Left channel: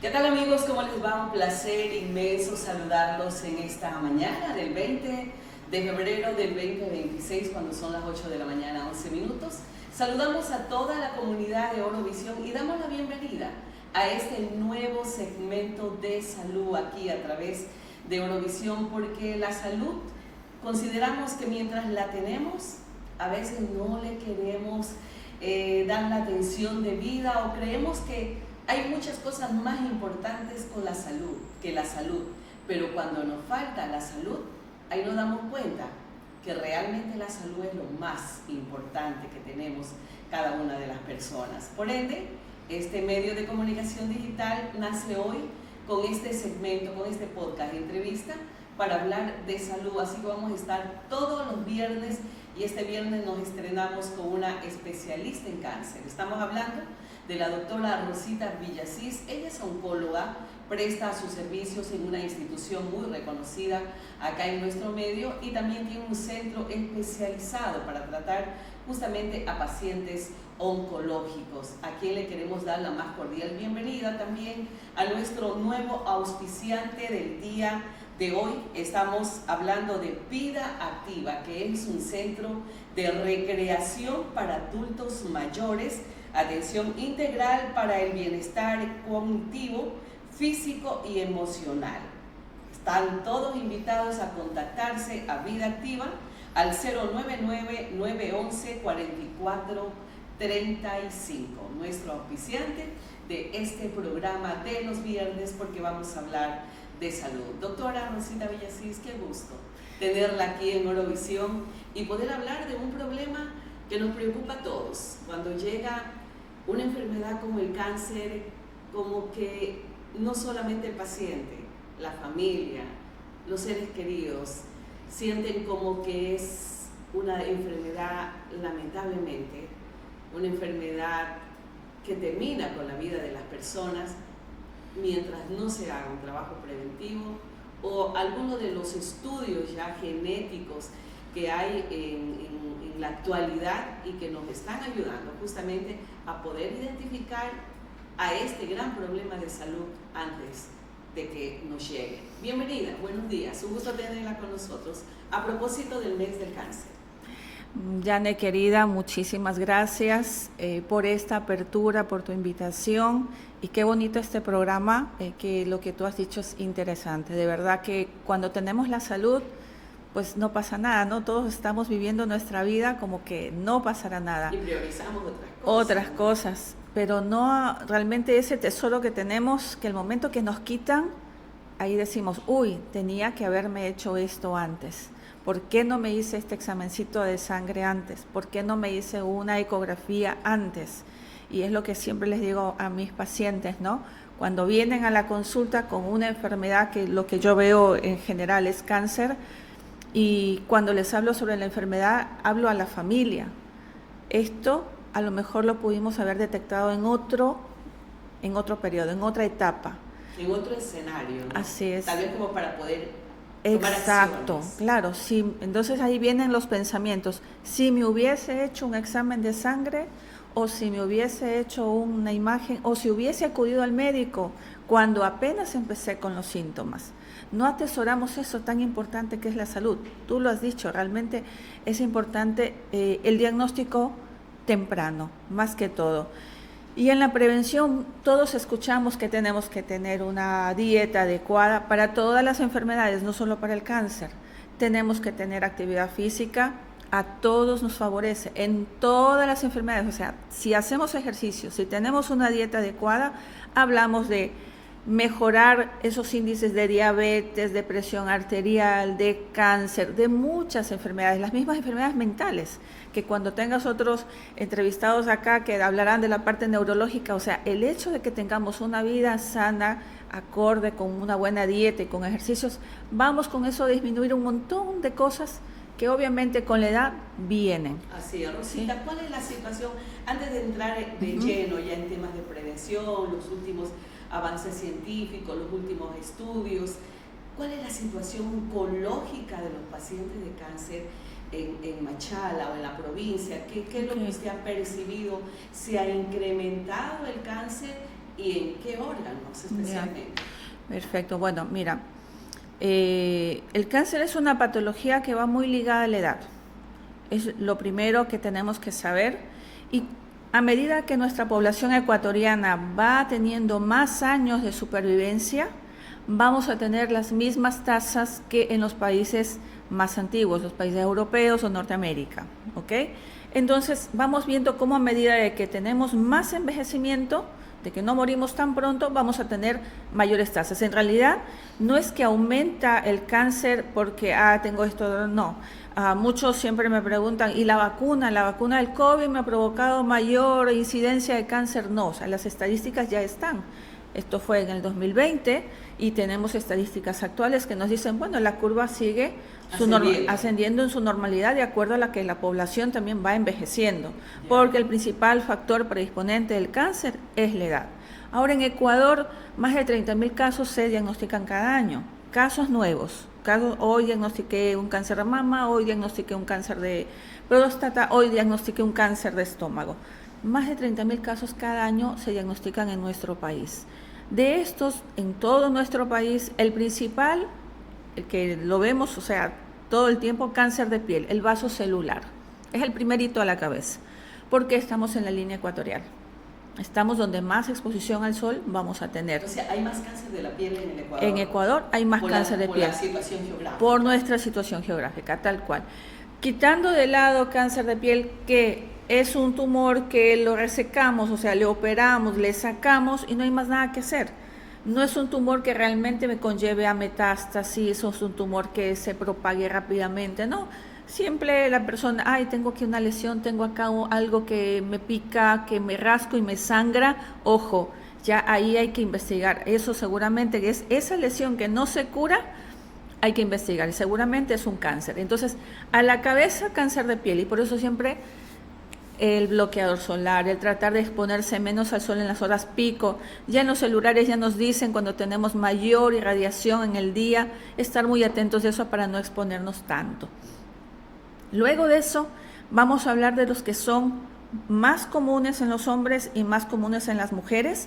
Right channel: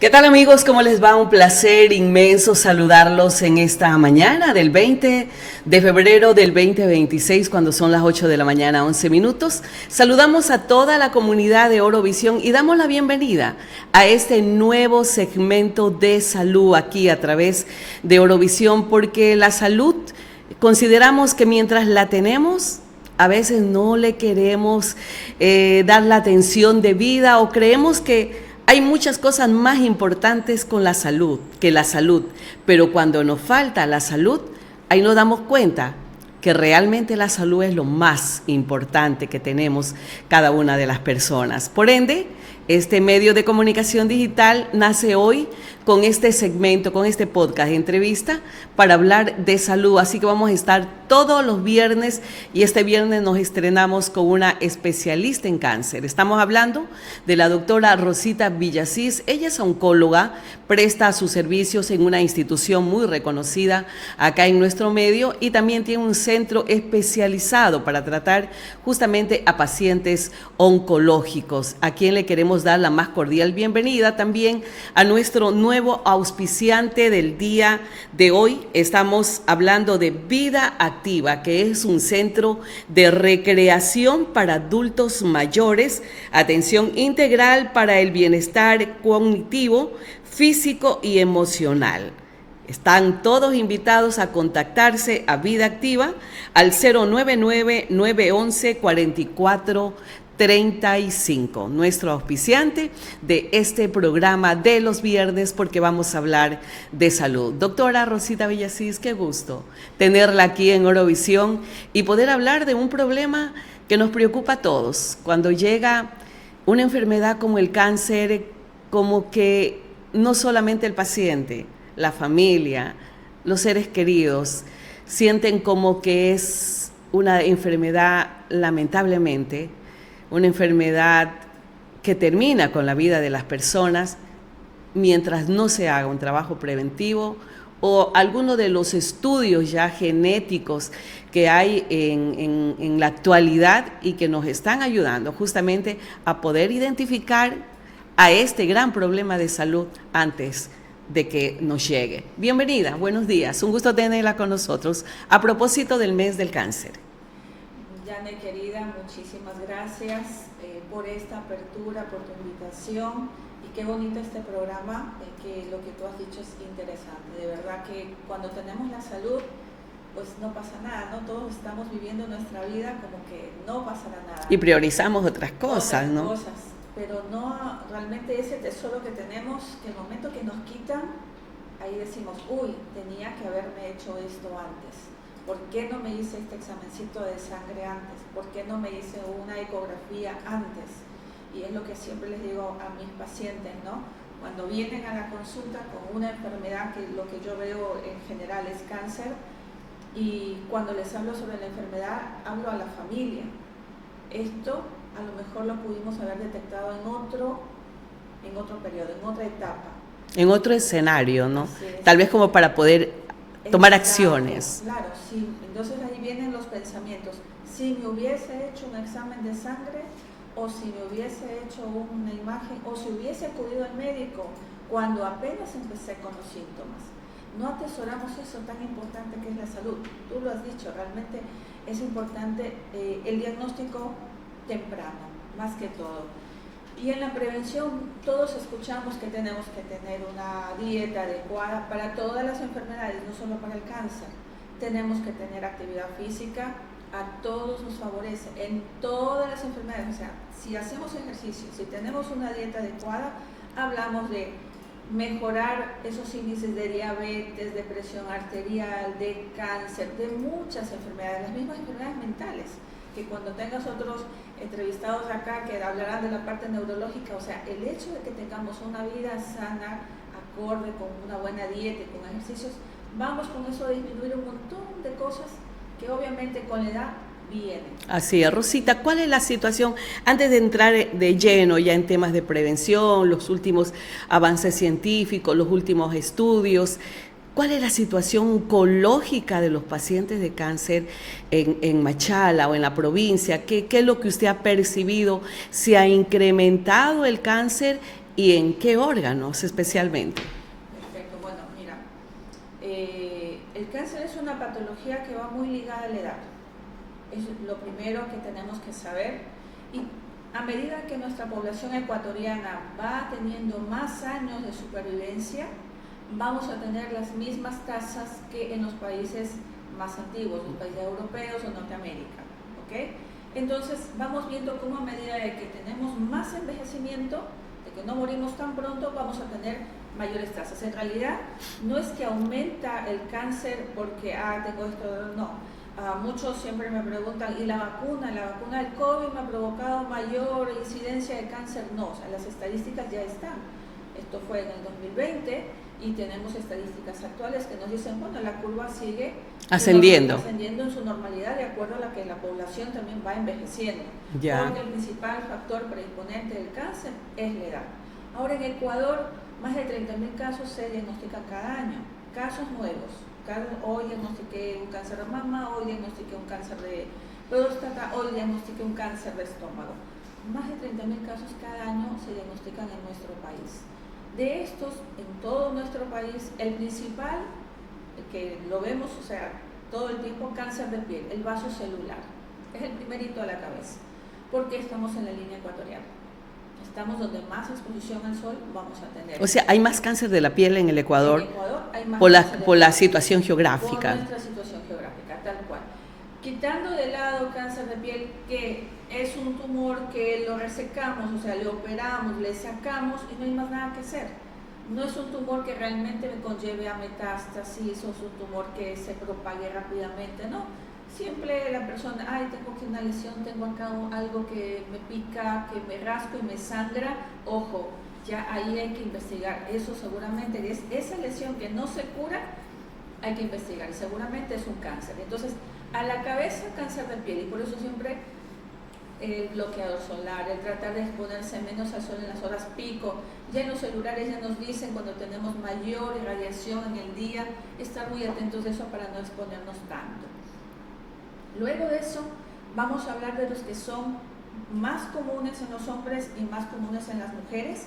¿Qué tal, amigos? ¿Cómo les va? Un placer inmenso saludarlos en esta mañana del 20 de febrero del 2026, cuando son las 8 de la mañana, 11 minutos. Saludamos a toda la comunidad de Orovisión y damos la bienvenida a este nuevo segmento de salud aquí a través de Orovisión, porque la salud consideramos que mientras la tenemos, a veces no le queremos dar la atención debida o creemos que hay muchas cosas más importantes con la salud que la salud, pero cuando nos falta la salud, ahí nos damos cuenta que realmente la salud es lo más importante que tenemos cada una de las personas. Por ende, este medio de comunicación digital nace hoy con este segmento, con este podcast de entrevista para hablar de salud. Así que vamos a estar todos los viernes y este viernes nos estrenamos con una especialista en cáncer. Estamos hablando de la doctora Rosita Villasís. Ella es oncóloga, presta sus servicios en una institución muy reconocida acá en nuestro medio y también tiene un centro especializado para tratar justamente a pacientes oncológicos, a quien le queremos dar la más cordial bienvenida también a nuestro nuevo auspiciante del día de hoy. Estamos hablando de Vida Activa, que es un centro de recreación para adultos mayores, atención integral para el bienestar cognitivo, físico y emocional. Están todos invitados a contactarse a Vida Activa al 099-911-4435, nuestro auspiciante de este programa de los viernes, porque vamos a hablar de salud. Doctora Rosita Villasís, qué gusto tenerla aquí en Orovisión y poder hablar de un problema que nos preocupa a todos. Cuando llega una enfermedad como el cáncer, como que no solamente el paciente, la familia, los seres queridos, sienten como que es una enfermedad, lamentablemente, una enfermedad que termina con la vida de las personas mientras no se haga un trabajo preventivo o alguno de los estudios ya genéticos que hay en la actualidad y que nos están ayudando justamente a poder identificar a este gran problema de salud antes de que nos llegue. Bienvenida, buenos días, un gusto tenerla con nosotros a propósito del mes del cáncer. Yane, querida, muchísimas gracias por esta apertura, por tu invitación y qué bonito este programa, que lo que tú has dicho es interesante. De verdad que cuando tenemos la salud, pues no pasa nada, ¿no? Todos estamos viviendo nuestra vida como que no pasará nada. Y priorizamos otras cosas, Otras ¿no? cosas, pero no realmente ese tesoro que tenemos, que el momento que nos quitan, ahí decimos, uy, tenía que haberme hecho esto antes. ¿Por qué no me hice este examencito de sangre antes? ¿Por qué no me hice una ecografía antes? Y es lo que siempre les digo a mis pacientes, ¿no? Cuando vienen a la consulta con una enfermedad, que lo que yo veo en general es cáncer, y cuando les hablo sobre la enfermedad, hablo a la familia. Esto a lo mejor lo pudimos haber detectado en otro periodo, en otra etapa. En otro escenario, ¿no? Así es. Tal vez como para poder tomar Exacto, acciones. Claro, sí. Entonces ahí vienen los pensamientos. Si me hubiese hecho un examen de sangre, o si me hubiese hecho una imagen, o si hubiese acudido al médico cuando apenas empecé con los síntomas. No atesoramos eso tan importante que es la salud. Tú lo has dicho, realmente es importante el diagnóstico temprano, más que todo. Y en la prevención todos escuchamos que tenemos que tener una dieta adecuada para todas las enfermedades, no solo para el cáncer. Tenemos que tener actividad física, a todos nos favorece, en todas las enfermedades. O sea, si hacemos ejercicio, si tenemos una dieta adecuada, hablamos de mejorar esos índices de diabetes, de presión arterial, de cáncer, de muchas enfermedades, las mismas enfermedades mentales, que cuando tengas otros entrevistados acá que hablarán de la parte neurológica, o sea, el hecho de que tengamos una vida sana, acorde con una buena dieta y con ejercicios, vamos con eso a disminuir un montón de cosas que obviamente con la edad vienen. Así es, Rosita, ¿cuál es la situación, antes de entrar de lleno ya en temas de prevención, los últimos avances científicos, los últimos estudios, cuál es la situación oncológica de los pacientes de cáncer en Machala o en la provincia? ¿Qué es lo que usted ha percibido? ¿Se ha incrementado el cáncer y en qué órganos especialmente. Perfecto, bueno, mira, el cáncer es una patología que va muy ligada a la edad. Es lo primero que tenemos que saber, y a medida que nuestra población ecuatoriana va teniendo más años de supervivencia, vamos a tener las mismas tasas que en los países más antiguos, los países europeos o Norteamérica, ¿ok? Entonces vamos viendo cómo a medida de que tenemos más envejecimiento, de que no morimos tan pronto, vamos a tener mayores tasas. En realidad no es que aumenta el cáncer porque tengo esto, no. Muchos siempre me preguntan, ¿y la vacuna del COVID me ha provocado mayor incidencia de cáncer? No, o sea, las estadísticas ya están. Esto fue en el 2020 y tenemos estadísticas actuales que nos dicen, bueno, la curva sigue ascendiendo en su normalidad de acuerdo a la que la población también va envejeciendo, porque el principal factor predisponente del cáncer es la edad. Ahora en Ecuador, más de 30.000 casos se diagnostican cada año, casos nuevos. Hoy diagnostiqué un cáncer de mama, hoy diagnostiqué un cáncer de próstata, hoy diagnostiqué un cáncer de estómago. Más de 30.000 casos cada año se diagnostican en nuestro país. De estos, en todo nuestro país, el principal, el que lo vemos, o sea, todo el tiempo, cáncer de piel, el vaso celular. Es el primerito a la cabeza, porque estamos en la línea ecuatorial. Estamos donde más exposición al sol vamos a tener. O sea, hay más cáncer de la piel en el Ecuador. En Ecuador hay más cáncer de piel. Por la situación geográfica. Por nuestra situación geográfica, tal cual. Quitando de lado cáncer de piel, que es un tumor que lo resecamos, o sea, le operamos, le sacamos y no hay más nada que hacer. No es un tumor que realmente me conlleve a metástasis, o es un tumor que se propague rápidamente, no. Siempre la persona, tengo aquí una lesión, tengo acá algo que me pica, que me rasco y me sangra, ojo, ya ahí hay que investigar. Eso seguramente es esa lesión que no se cura, hay que investigar y seguramente es un cáncer. Entonces, a la cabeza, cáncer de piel, y por eso siempre el bloqueador solar, el tratar de exponerse menos al sol en las horas pico. Ya en los celulares ya nos dicen cuando tenemos mayor irradiación en el día, estar muy atentos de eso para no exponernos tanto. Luego de eso, vamos a hablar de los que son más comunes en los hombres y más comunes en las mujeres,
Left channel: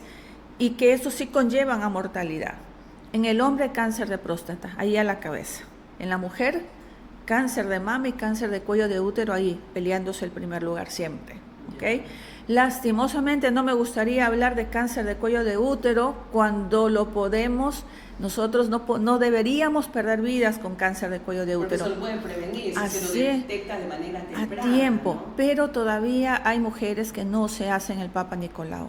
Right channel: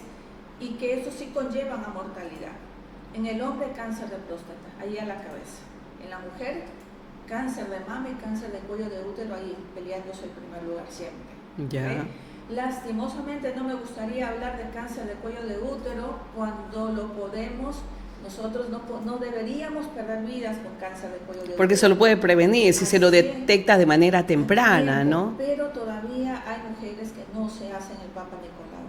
y que estos sí conllevan a mortalidad. En el hombre, cáncer de próstata, ahí a la cabeza. En la mujer, cáncer de mama y cáncer de cuello de útero, ahí peleándose el primer lugar siempre. ¿Okay? Lastimosamente no me gustaría hablar de cáncer de cuello de útero cuando lo podemos. Nosotros no deberíamos perder vidas con cáncer de cuello de útero. Porque se lo puede prevenir si se lo detecta de manera temprana, ¿no? Pero todavía hay mujeres que no se hacen el Papa Nicolau.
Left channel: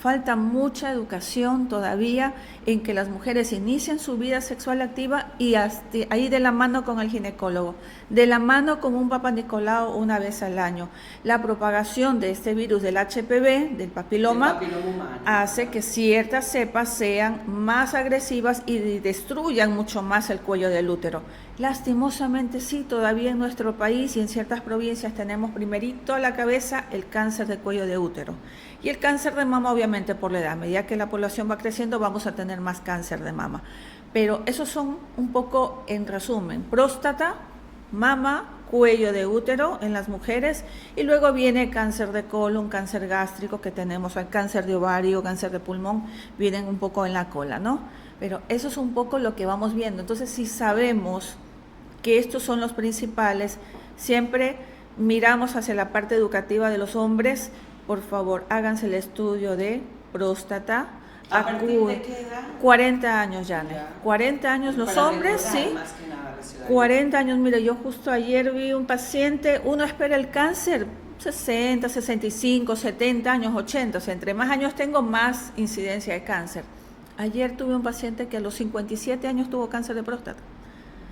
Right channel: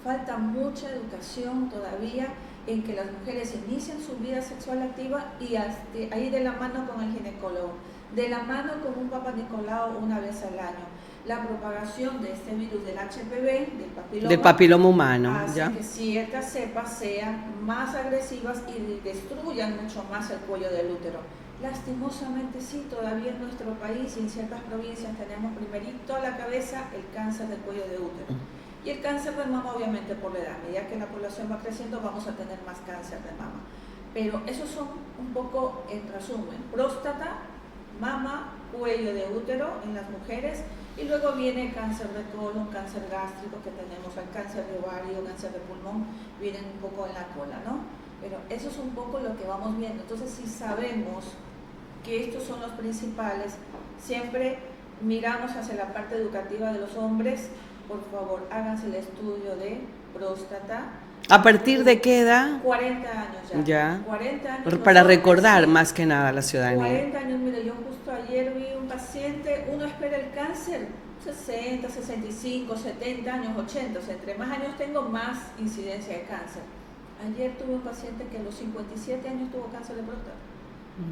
Falta mucha educación todavía en que las mujeres inician su vida sexual activa y ahí de la mano con el ginecólogo, de la mano con un Papa Nicolau una vez al año. La propagación de este virus del HPV, del papiloma humano, hace que ciertas cepas sean más agresivas y destruyan mucho más el cuello del útero. Lastimosamente sí, todavía en nuestro país y en ciertas provincias tenemos primerito a la cabeza el cáncer de cuello de útero. Y el cáncer de mama, obviamente, por la edad. A medida que la población va creciendo, vamos a tener más cáncer de mama. Pero esos son un poco, en resumen, próstata, mama, cuello de útero en las mujeres, y luego viene cáncer de colon, cáncer gástrico que tenemos, el cáncer de ovario, cáncer de pulmón, vienen un poco en la cola, ¿no? Pero eso es un poco lo que vamos viendo. Entonces, si sabemos que estos son los principales, siempre miramos hacia la parte educativa de los hombres. Por favor, háganse el estudio de próstata. ¿A partir de qué edad? 40 años ya. 40 años los para hombres, recordar sí. Más que nada a la ciudadanía. 40 años, mire, yo justo ayer vi un paciente, uno espera el cáncer 60, 65, 70 años, 80, o sea, entre más años tengo, más incidencia de cáncer. Ayer tuve un paciente que a los 57 años tuvo cáncer de próstata.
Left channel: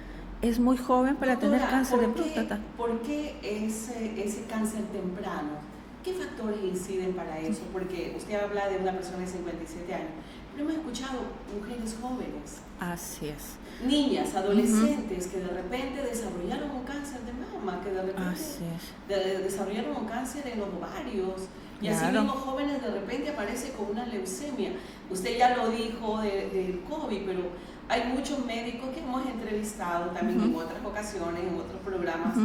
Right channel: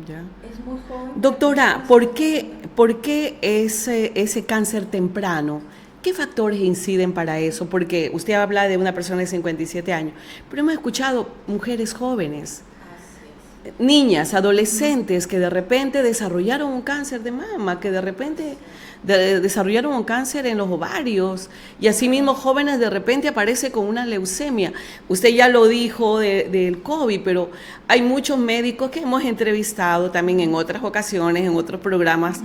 Ya. Es muy joven. Doctora, ¿por qué ese cáncer temprano? ¿Qué factores inciden para eso? Porque usted habla de una persona de 57 años, pero hemos escuchado mujeres jóvenes. Así es. Niñas, adolescentes que de repente desarrollaron un cáncer de mama, que de repente desarrollaron un cáncer en los ovarios, y asimismo jóvenes de repente aparece con una leucemia. Usted ya lo dijo del COVID, pero hay muchos médicos que hemos entrevistado también en otras ocasiones, en otros programas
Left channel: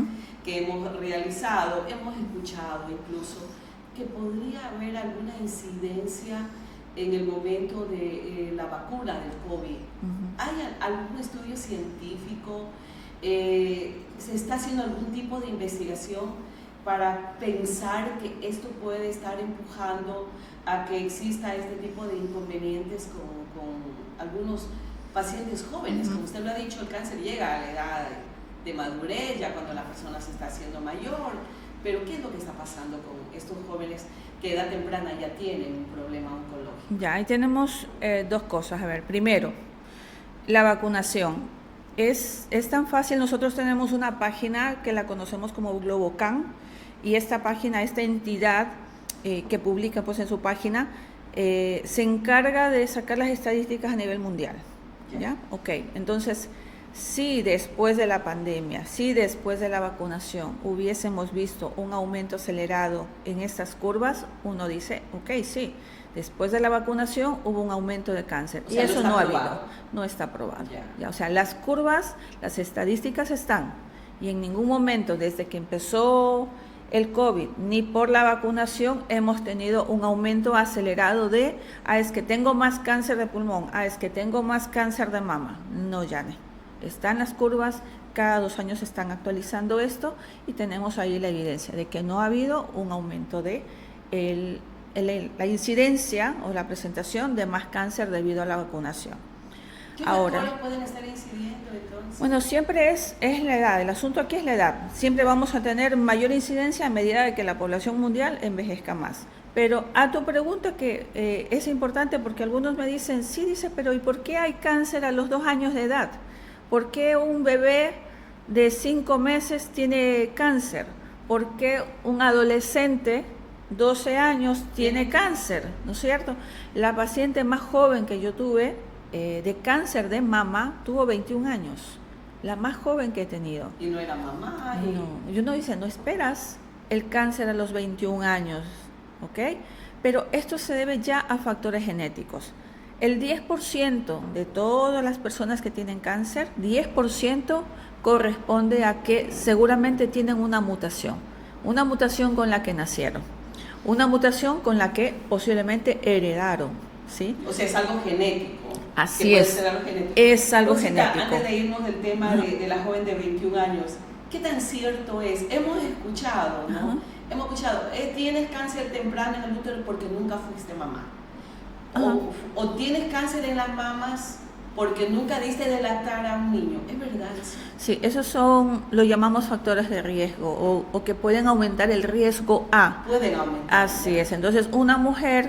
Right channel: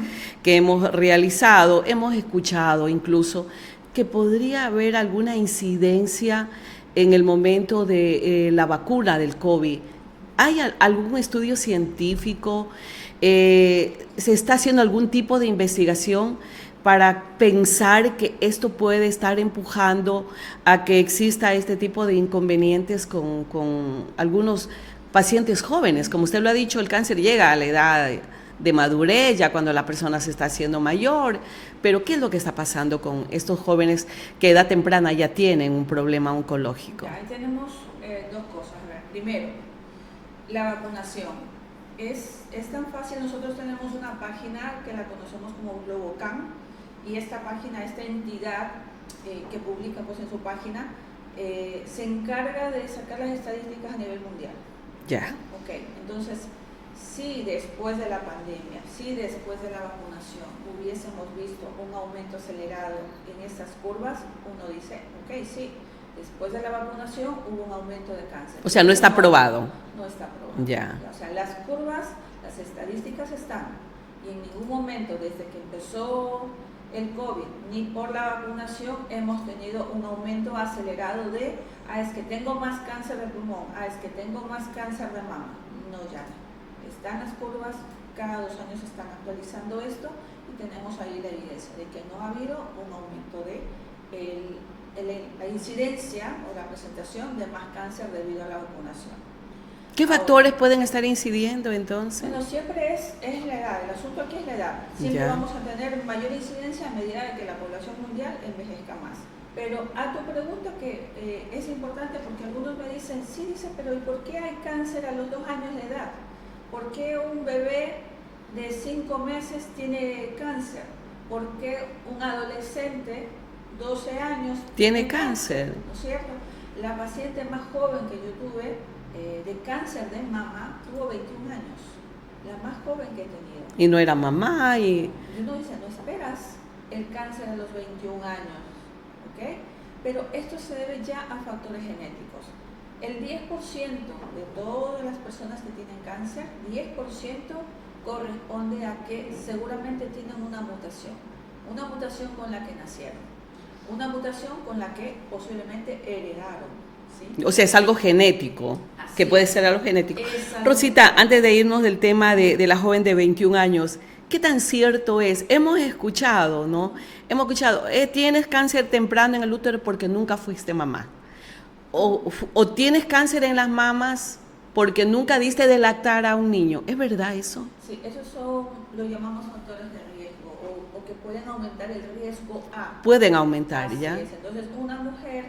que hemos realizado, hemos escuchado incluso que podría haber alguna incidencia en el momento de la vacuna del COVID. ¿Hay algún estudio científico? ¿Se está haciendo algún tipo de investigación para pensar que esto puede estar empujando a que exista este tipo de inconvenientes con algunos pacientes jóvenes? Como usted lo ha dicho, el cáncer llega a la edad de madurez, ya cuando la persona se está haciendo mayor, pero ¿qué es lo que está pasando con estos jóvenes que a edad temprana ya tienen un problema oncológico? Ya, ahí tenemos dos cosas. A ver, primero, la vacunación. Es tan fácil, nosotros tenemos una página que la conocemos como Globocan, y esta página, esta entidad que publica pues en su página, se encarga de sacar las estadísticas a nivel mundial. Ya. Ok, entonces, si después de la pandemia, si después de la vacunación hubiésemos visto un aumento acelerado en estas curvas, uno dice, ok, sí, después de la vacunación hubo un aumento de cáncer. O sea, no está probado. No está probado. Ya. O sea, las curvas, las estadísticas están, y en ningún momento desde que empezó el COVID ni por la vacunación hemos tenido un aumento acelerado de, es que tengo más cáncer de pulmón, es que tengo más cáncer de mama. No, Yane. Están las curvas, cada 2 años se están actualizando esto y tenemos ahí la evidencia de que no ha habido un aumento de la incidencia o la presentación de más cáncer debido a la vacunación. ¿Qué factores pueden estar incidiendo entonces? Bueno, siempre es la edad, el asunto aquí es la edad. Siempre vamos a tener mayor incidencia a medida de que la población mundial envejezca más. Pero a tu pregunta que es importante porque algunos me dicen, sí, dice, pero ¿y por qué hay cáncer a los 2 años de edad? ¿Por qué un bebé de 5 meses tiene cáncer? ¿Por qué un adolescente 12 años tiene cáncer? ¿No es cierto? La paciente más joven que yo tuve de cáncer de mama tuvo 21 años, la más joven que he tenido. Y no era mamá y... No, yo no dice, no esperas el cáncer a los 21 años, ¿ok? Pero esto se debe ya a factores genéticos. El 10% de todas las personas que tienen cáncer, 10% corresponde a que seguramente tienen una mutación con la que nacieron, una mutación con la que posiblemente heredaron, ¿sí? O sea, es algo genético. Así que puede es. ser algo genético. Es algo Rosita, genético. antes de irnos del tema de la joven de 21 años, ¿qué tan cierto es? Hemos escuchado, ¿no? Hemos escuchado, tienes cáncer temprano en el útero porque nunca fuiste mamá. O tienes cáncer en las mamas porque nunca diste de lactar a un niño. ¿Es verdad eso? Sí, esos lo llamamos factores de riesgo o que pueden aumentar el riesgo a. Pueden aumentar. Así ¿ya? es, entonces una mujer,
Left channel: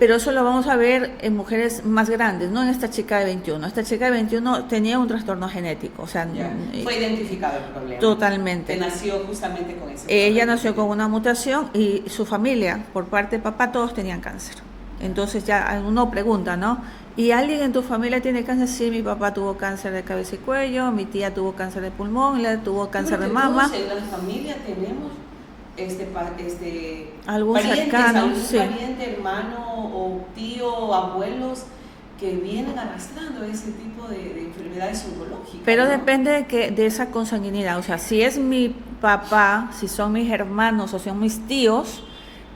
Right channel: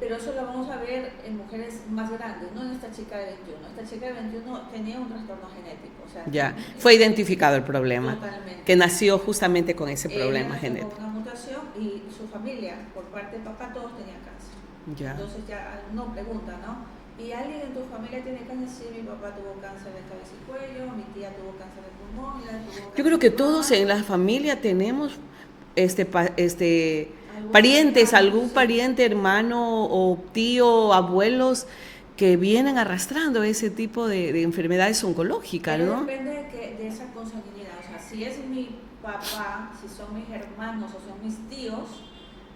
pero eso lo vamos a ver en mujeres más grandes, no en esta chica de 21. Esta chica de 21 tenía un trastorno genético, o sea, ya. Fue identificado el problema. Totalmente. Que nació justamente con ese problema. Ella nació con una mutación y su familia, por parte de papá, todos tenían cáncer. Ya. Entonces ya uno pregunta, ¿no? ¿Y alguien en tu familia tiene cáncer? Sí, mi papá tuvo cáncer de cabeza y cuello, mi tía tuvo cáncer de pulmón, ella tuvo cáncer de mama. Todos en la familia tenemos algún parientes, cercano, algún sí. pariente, hermano o tío, abuelos que vienen arrastrando ese tipo de enfermedades oncológicas. Pero ¿no? depende de esa consanguinidad, o sea, si es mi papá, si son mis hermanos o son mis tíos,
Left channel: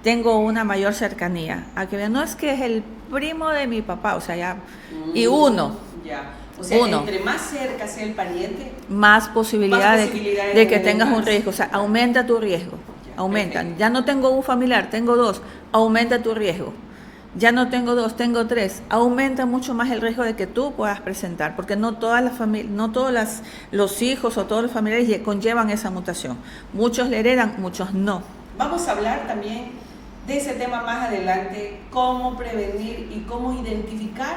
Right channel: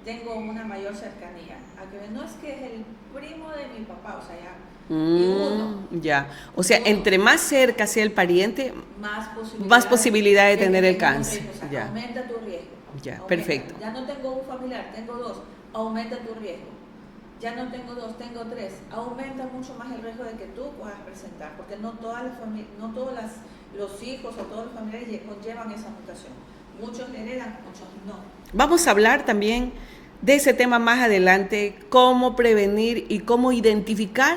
tengo una mayor cercanía. A que no es que es el primo de mi papá, o sea, ya, y uno. Ya, o sea, entre más cerca sea el pariente, más posibilidades de que tengas un riesgo, o sea, ya. Aumenta tu riesgo, ya, aumenta. Perfecto. Ya no tengo un familiar, tengo 2, aumenta tu riesgo. Ya no tengo 2, tengo 3, aumenta mucho más el riesgo de que tú puedas presentar, porque no todas las familias, no todos los hijos o todos los familiares conllevan esa mutación. Muchos le heredan, muchos no. Vamos a hablar también de ese tema más adelante, cómo prevenir y cómo identificar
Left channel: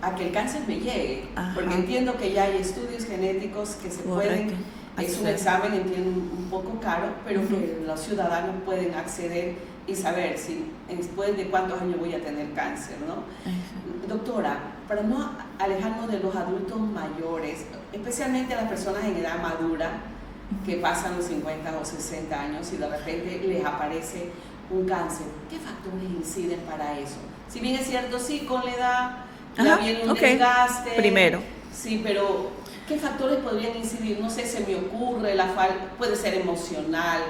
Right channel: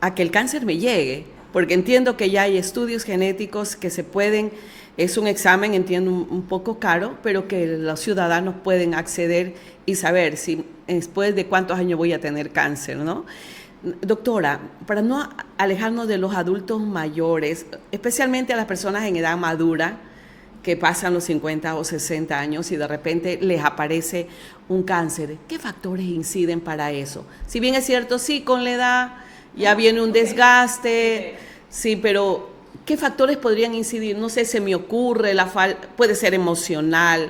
a que el cáncer me llegue. Ajá. Porque entiendo que ya hay estudios genéticos que se pueden, es un examen, entiendo, un poco caro, pero que los ciudadanos pueden acceder y saber si después de cuántos años voy a tener cáncer, ¿no? Doctora, para no alejarnos de los adultos mayores, especialmente a las personas en edad madura, que pasan los 50 o 60 años y de repente les aparece un cáncer, ¿qué factores inciden para eso? Si bien es cierto, sí, con la edad ya viene un desgaste. Primero. Sí, pero ¿qué factores podrían incidir? No sé, se me ocurre, puede ser emocional,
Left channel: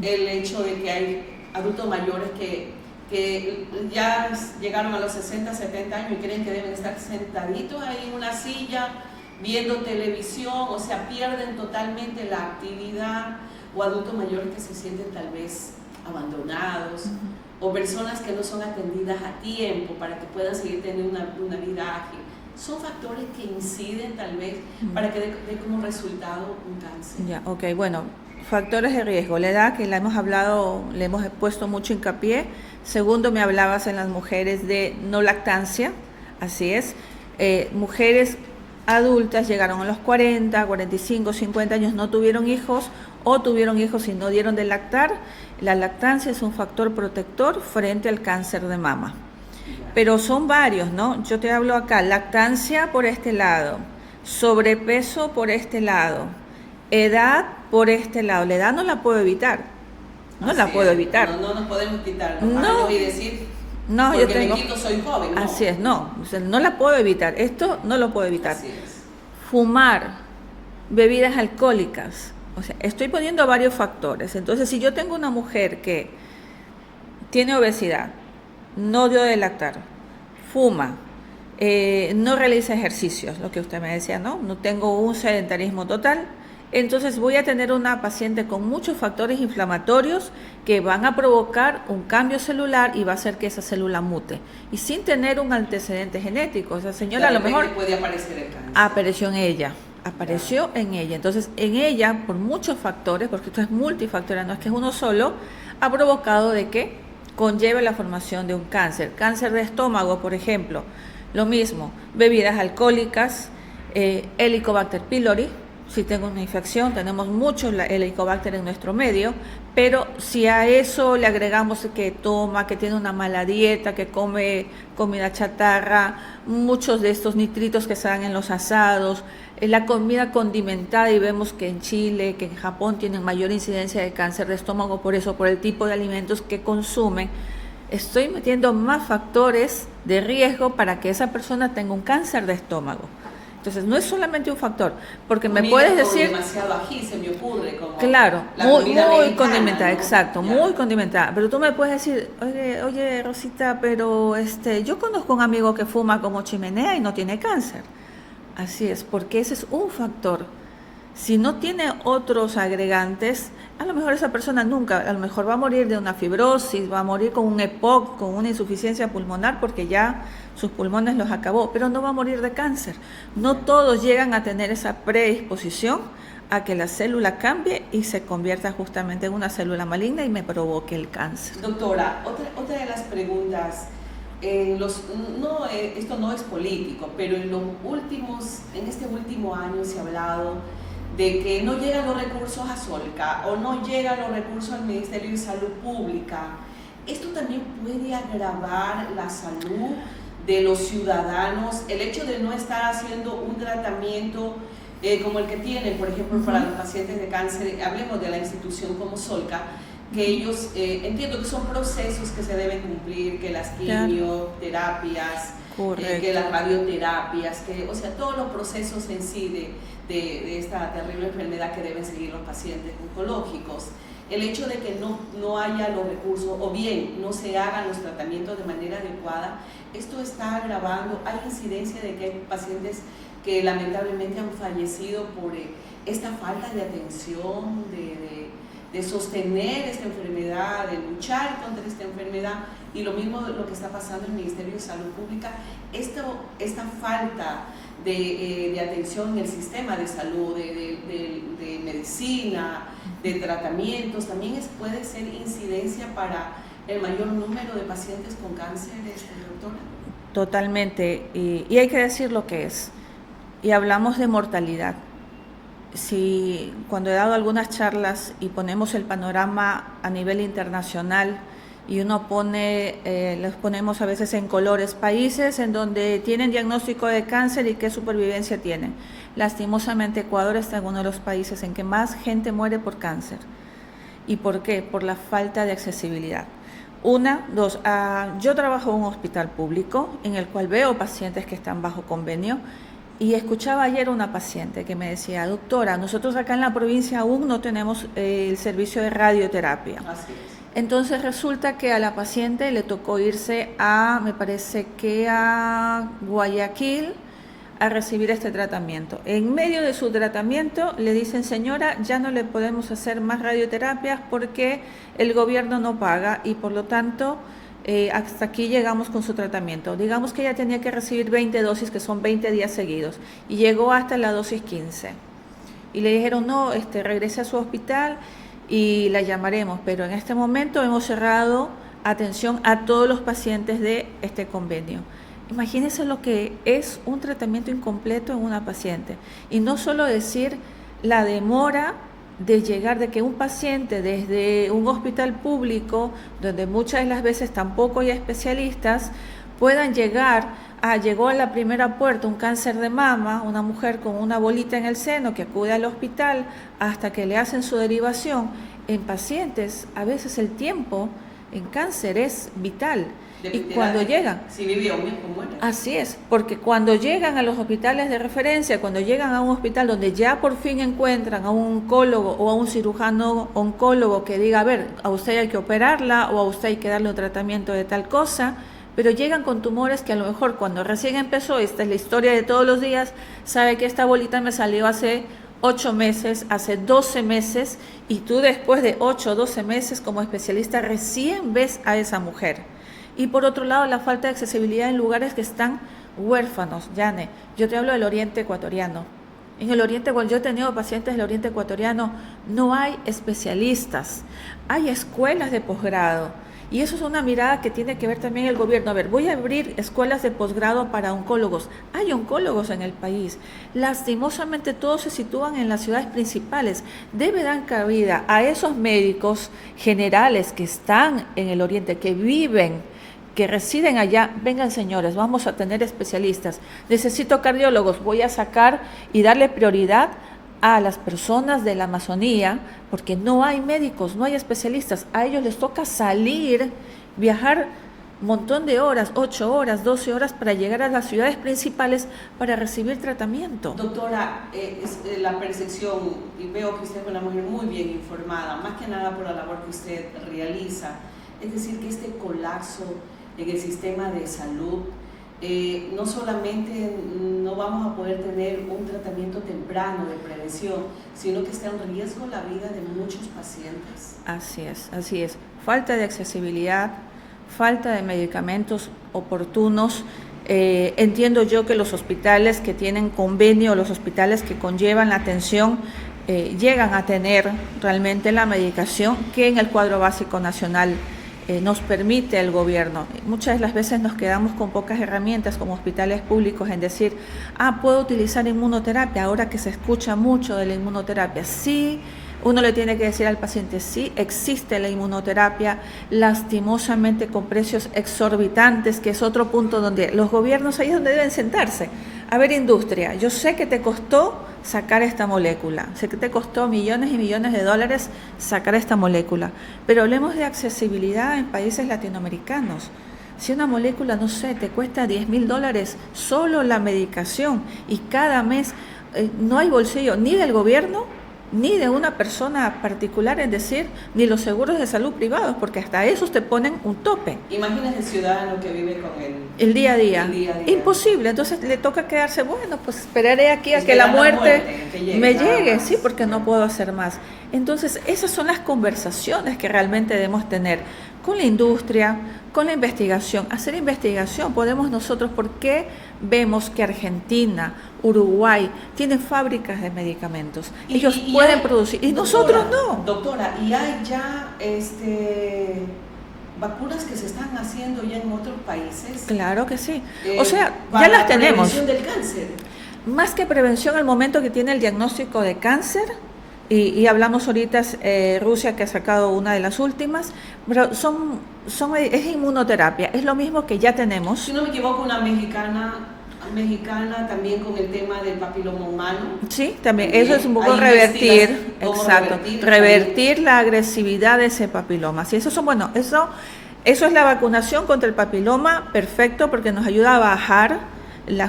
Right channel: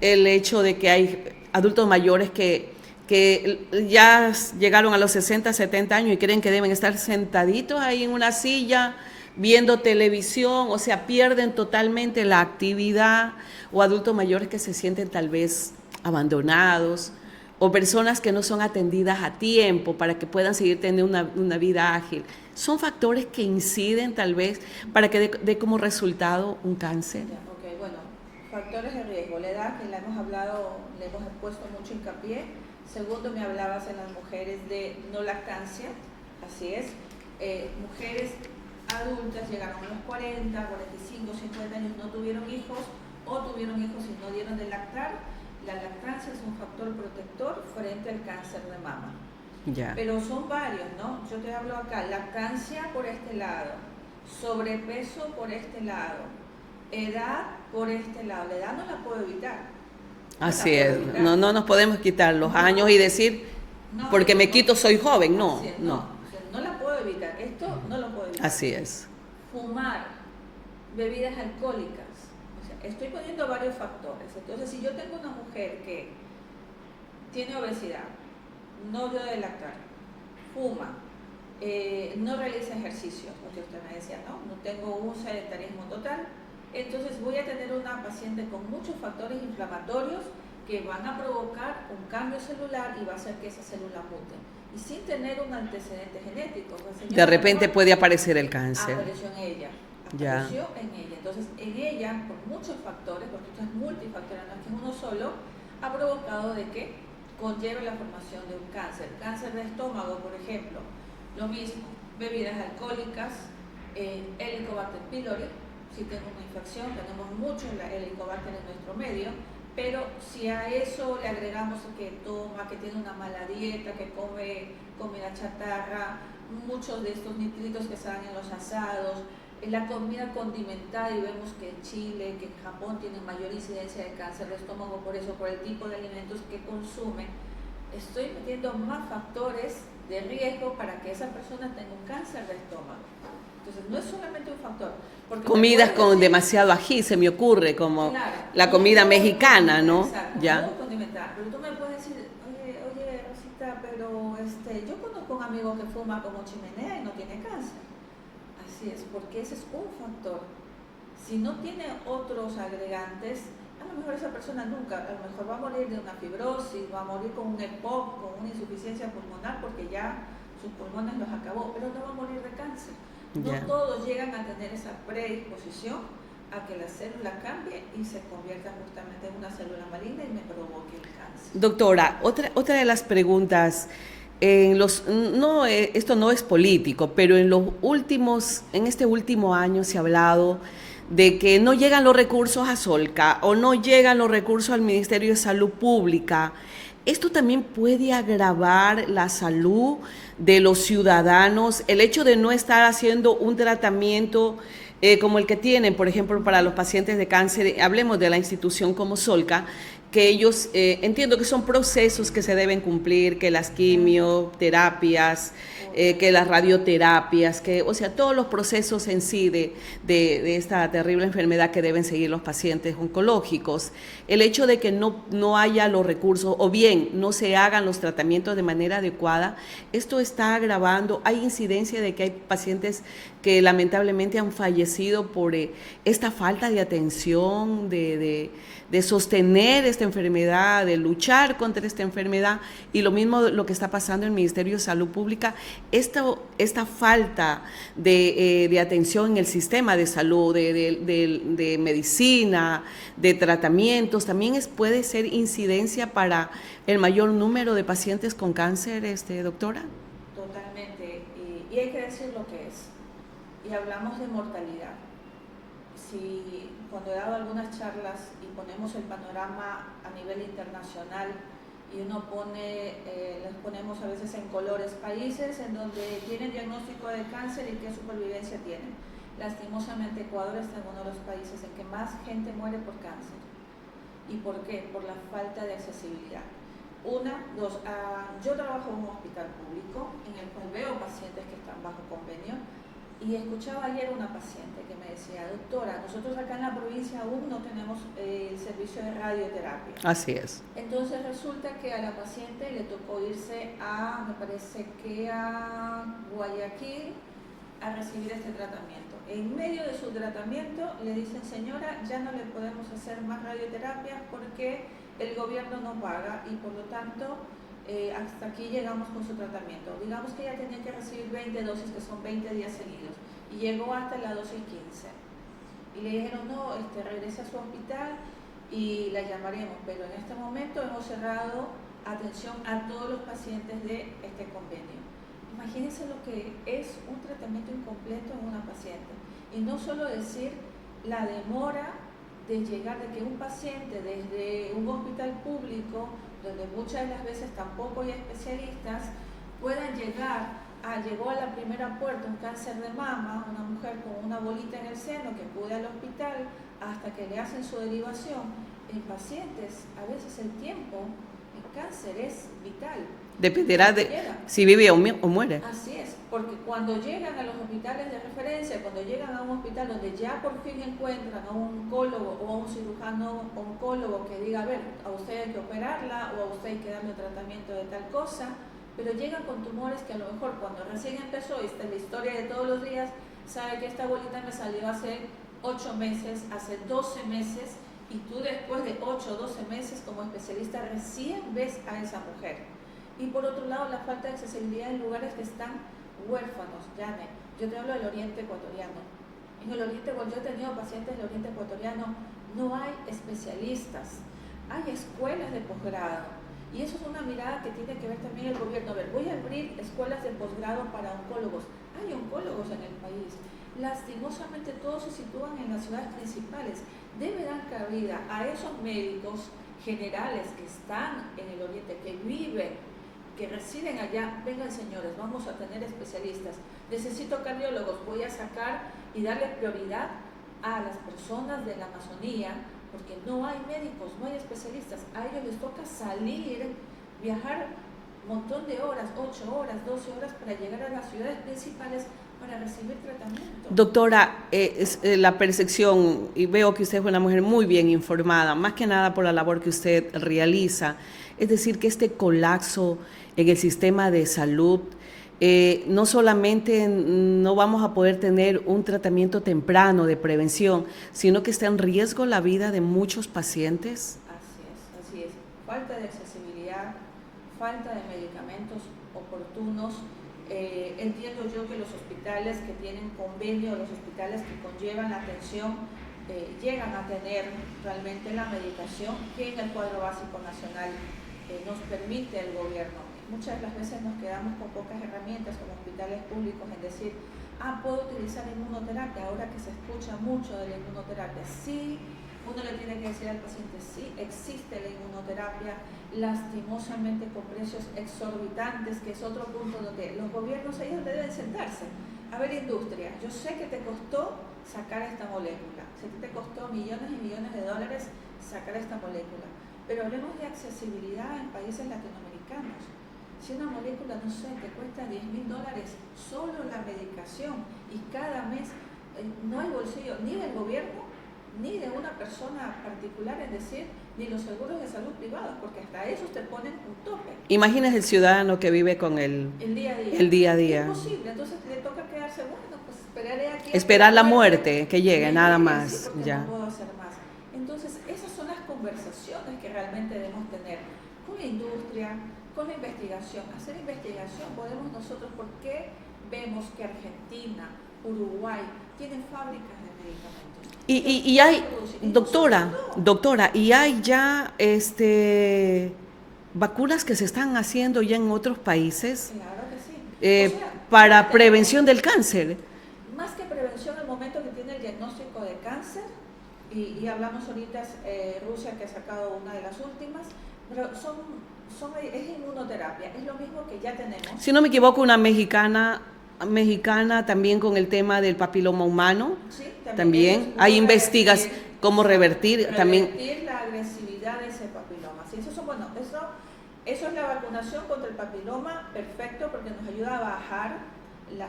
el hecho de que hay adultos mayores que que ya llegaron a los 60, 70 años y creen que deben estar sentaditos ahí en una silla viendo televisión, o sea, pierden totalmente la actividad, o adultos mayores que se sienten tal vez abandonados, o personas que no son atendidas a tiempo para que puedan seguir teniendo una vida ágil. Son factores que inciden tal vez para que dé como resultado un cáncer. Ya, ok, bueno, factores de riesgo. La edad, que la hemos hablado, le hemos puesto mucho hincapié. Segundo, me hablabas en las mujeres de no lactancia, así es. Mujeres adultas llegaron a los 40, 45, 50 años, no tuvieron hijos o tuvieron hijos y no dieron de lactar. La lactancia es un factor protector frente al cáncer de mama. Ya. Pero son varios, ¿no? Yo te hablo acá, lactancia por este lado, sobrepeso por este lado, edad por este lado. La edad no la puedo evitar, no la puedo evitar. No nos podemos quitar los años y decir, porque me quito soy joven, no. Así es, no, o sea, no la puedo evitar, esto no lo puedo evitar. Así es. Fumar, bebidas alcohólicas, o sea, estoy poniendo varios factores. Entonces, si yo tengo una mujer que tiene obesidad, no dio de lactar, fuma, no realiza ejercicios, lo que usted me decía, no tengo un sedentarismo total, entonces voy a tener una paciente con muchos factores inflamatorios que van a provocar un cambio celular y va a hacer que esa célula mute. Y sin tener un antecedente genético, esa señora de repente puede aparecer el cáncer. Apareció en ella. Entonces, en ella, por muchos factores, porque esto es multifactorial, no es que es uno solo, ha provocado de que conlleve la formación de un cáncer. Cáncer de estómago, por ejemplo, lo mismo, bebidas alcohólicas, Helicobacter pylori. Si tengo una infección, tenemos mucho Helicobacter en nuestro medio, pero si a eso le agregamos que toma, que tiene una mala dieta, que come comida chatarra, muchos de estos nitritos que se dan en los asados, la comida condimentada, y vemos que en Chile, que en Japón tienen mayor incidencia de cáncer de estómago, por eso, por el tipo de alimentos que consumen, estoy metiendo más factores de riesgo para que esa persona tenga un cáncer de estómago. Entonces, no es solamente un factor, porque comida me puedes decir, con demasiado ají, se me ocurre, como claro, la comida muy mexicana, ¿no? Exacto, Ya. muy condimentada. Pero tú me puedes decir, oye, Rosita, pero yo conozco un amigo que fuma como chimenea y no tiene cáncer. Así es, porque ese es un factor. Si no tiene otros agregantes, a lo mejor esa persona nunca, a lo mejor va a morir de una fibrosis, va a morir con un EPOC, con una insuficiencia pulmonar, porque ya sus pulmones los acabó, pero no va a morir de cáncer. No todos llegan a tener esa predisposición a que la célula cambie y se convierta justamente en una célula maligna y me provoque el cáncer. Doctora, otra de las preguntas, esto no es político, pero en este último año se ha hablado de que no llegan los recursos a Solca o no llegan los recursos al Ministerio de Salud Pública. Esto también puede agravar la salud de los ciudadanos, el hecho de no estar haciendo un tratamiento como el que tienen, por ejemplo, para los pacientes de cáncer. Hablemos de la institución como Solca, que ellos, entiendo que son procesos que se deben cumplir, que las quimioterapias, que las radioterapias, o sea, todos los procesos en sí de esta terrible enfermedad que deben seguir los pacientes oncológicos. El hecho de que no haya los recursos o bien no se hagan los tratamientos de manera adecuada, esto está agravando. Hay incidencia de que hay pacientes que lamentablemente han fallecido por esta falta de atención, de sostener esta enfermedad, de luchar contra esta enfermedad, y lo mismo lo que está pasando en el Ministerio de Salud Pública, esta falta de atención en el sistema de salud, de medicina, de tratamientos, también puede ser incidencia para el mayor número de pacientes con cáncer, doctora. Totalmente, y hay que decir lo que es, y hablamos de mortalidad. Si cuando he dado algunas charlas y ponemos el panorama a nivel internacional y uno los ponemos a veces en colores, países en donde tienen diagnóstico de cáncer y qué supervivencia tienen. Lastimosamente Ecuador está en uno de los países en que más gente muere por cáncer. ¿Y por qué? Por la falta de accesibilidad. Yo trabajo en un hospital público en el cual veo pacientes que están bajo convenio, Y escuchaba ayer una paciente que me decía, doctora, nosotros acá en la provincia aún no tenemos el servicio de radioterapia. Así es. Entonces resulta que a la paciente le tocó irse me parece que a Guayaquil, a recibir este tratamiento. En medio de su tratamiento le dicen, señora, ya no le podemos hacer más radioterapias porque el gobierno no paga y por lo tanto hasta aquí llegamos con su tratamiento. Digamos que ella tenía que recibir 20 dosis, que son 20 días seguidos, y llegó hasta la dosis 15. Y le dijeron, no, regrese a su hospital y la llamaremos, pero en este momento hemos cerrado atención a todos los pacientes de este convenio. Imagínense lo que es un tratamiento incompleto en una paciente. Y no solo decir la demora de llegar, de que un paciente desde un hospital público, donde muchas de las veces tampoco hay especialistas, puedan llegó a la primera puerta un cáncer de mama, una mujer con una bolita en el seno que acude al hospital hasta que le hacen su derivación. En pacientes, a veces el tiempo en cáncer es vital. Dependerá de llegan, si vive o muere. Así es, porque cuando llegan a los hospitales de referencia, cuando llegan a un hospital donde ya por fin encuentran a un oncólogo o a un cirujano oncólogo que diga, a ver, a usted hay que operarla o a usted hay que darle un tratamiento de tal cosa, pero llegan con tumores que a lo mejor cuando recién empezó, esta es la historia de todos los días, sabe que esta bolita me salió hace 8 meses, hace 12 meses, y tú después de 8 o 12 meses como especialista recién ves a esa mujer. Y por otro lado, la falta de accesibilidad en lugares que están huérfanos. Yane, yo te hablo del Oriente Ecuatoriano. En el Oriente, cuando yo he tenido pacientes del Oriente Ecuatoriano, no hay especialistas, hay escuelas de posgrado. Y eso es una mirada que tiene que ver también el gobierno. A ver, voy a abrir escuelas de posgrado para oncólogos. Hay oncólogos en el país. Lastimosamente todos se sitúan en las ciudades principales. Debe dar cabida a esos médicos generales que están en el Oriente, que viven, que residen allá. Vengan señores, vamos a tener especialistas. Necesito cardiólogos, voy a sacar y darle prioridad a las personas de la Amazonía, porque no hay médicos, no hay especialistas. A ellos les toca salir, viajar un montón de horas, 8 horas, 12 horas para llegar a las ciudades principales para recibir tratamiento. Doctora, la percepción, y veo que usted es una mujer muy bien informada, más que nada por la labor que usted realiza, es decir, que este colapso en el sistema de salud, no solamente no vamos a poder tener un tratamiento temprano de prevención, sino que está en riesgo la vida de muchos pacientes. Así es. Falta de accesibilidad, falta de medicamentos oportunos. Entiendo yo que los hospitales que tienen convenio, los hospitales que conllevan la atención, llegan a tener realmente la medicación que en el cuadro básico nacional nos permite el gobierno. Muchas de las veces nos quedamos con pocas herramientas como hospitales públicos en decir, puedo utilizar inmunoterapia, ahora que se escucha mucho de la inmunoterapia. Sí, uno le tiene que decir al paciente, sí, existe la inmunoterapia, lastimosamente con precios exorbitantes, que es otro punto donde los gobiernos ahí es donde deben sentarse. A ver, industria, yo sé que te costó sacar esta molécula, sé que te costó millones y millones de dólares sacar esta molécula, pero hablemos de accesibilidad en países latinoamericanos. Si una molécula, no sé, te cuesta $10,000 solo la medicación y cada mes no hay bolsillo ni del gobierno ni de una persona particular, es decir, ni los seguros de salud privados, porque hasta esos te ponen un tope. Imagínate el ciudadano que vive con el día a día. El día a día. Imposible, entonces le toca quedarse, bueno, pues esperaré aquí a que la muerte que llegue, me llegue, más. Sí, porque ya no puedo hacer más. Entonces, esas son las conversaciones que realmente debemos tener con la industria, con la investigación. Hacer investigación podemos nosotros, porque vemos que Argentina, Uruguay tienen fábricas de medicamentos. Ellos pueden producir. Y doctora, nosotros no. Doctora, ¿y hay ya vacunas que se están haciendo ya en otros países? Claro que sí. O sea, para la prevención del cáncer. Más que prevención, al momento que tiene el diagnóstico de cáncer, y hablamos ahorita Rusia, que ha sacado una de las últimas, pero es inmunoterapia, es lo mismo que ya tenemos. Si no me equivoco, una mexicana también con el tema del papiloma humano. Sí, también. Eso es un poco revertir la agresividad de ese papiloma. Sí, eso es la vacunación contra el papiloma, perfecto, porque nos ayuda a bajar